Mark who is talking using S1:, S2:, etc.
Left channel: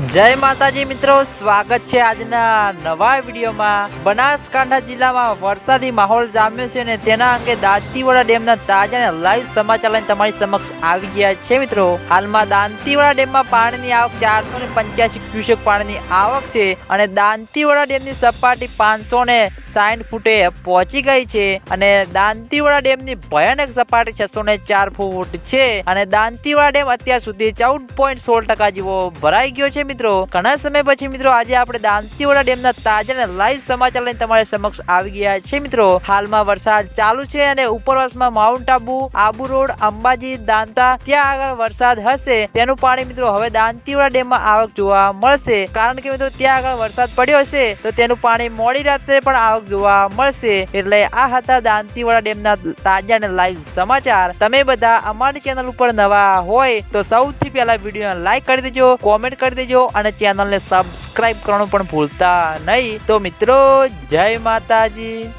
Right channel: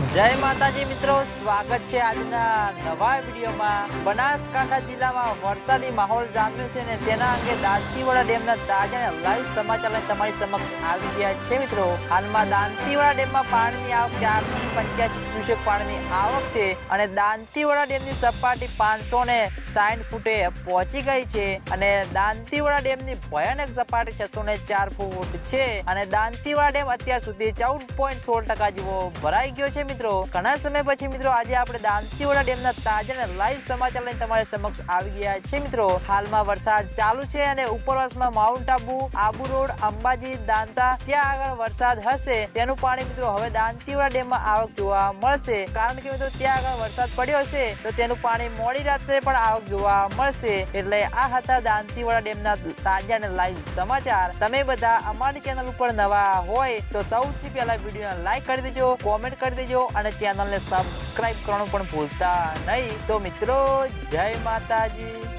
S1: જય માતાજી મિત્રો, સ્વાગત છે આજના નવા વિડીયોમાં. બનાસકાંઠા જિલ્લામાં વરસાદી માહોલ જામ્યો છે અને તેના અંગે દાંતીવાડા ડેમના તાજા અને લાઈવ સમાચાર લઈને તમારી સમક્ષ આવી ગયા છે મિત્રો. હાલમાં દાંતીવાડા ડેમમાં પાણીની આવક ચારસો ને પંચ્યાસી ક્યુસેક પાણીની આવક છે અને દાંતીવાડા ડેમની સપાટી પાંચસો ને સાઠ ફૂટે પહોંચી ગઈ છે અને દાંતીવાડા ડેમની ભયાનક સપાટી છસો ને ચાર ફૂટ છે અને દાંતીવાડા ડેમ અત્યાર સુધી ચૌદ પોઈન્ટ સોળ ટકા જેવો ભરાઈ ગયો છે મિત્રો. ઘણા સમય પછી મિત્રો આજે આપણે દાંતીવાડા ડેમના તાજા અને લાઈવ સમાચાર લઈને તમારી સમક્ષ આવી ગયા છે મિત્રો. હાલમાં વરસાદ ચાલુ છે અને ઉપરવાસમાં માઉન્ટ આબુ આબુ રોડ, અંબાજી, દાંતા, ત્યાં આગળ વરસાદ હશે. તેનું પાણી મિત્રો હવે દાંતીવાડા ડેમમાં આવક જોવા મળશે. કારણ કે મિત્રો ત્યાં આગળ વરસાદ પડ્યો હશે, તો તેનું પાણી મોડી રાત્રે પણ આવક જોવા મળશે. એટલે આ હતા દાંતીવાડા ડેમના તાજા અને લાઈવ સમાચાર. તમે બધા અમારી ચેનલ ઉપર નવા હોય તો સૌથી પહેલા વીડિયો લાઈક કરી દેજો કોમેન્ટ કરી દેજો અને ચેનલને સબસ્ક્રાઇબ કરવાનું પણ ભૂલતા નહીં. તો મિત્રો જય માતાજી.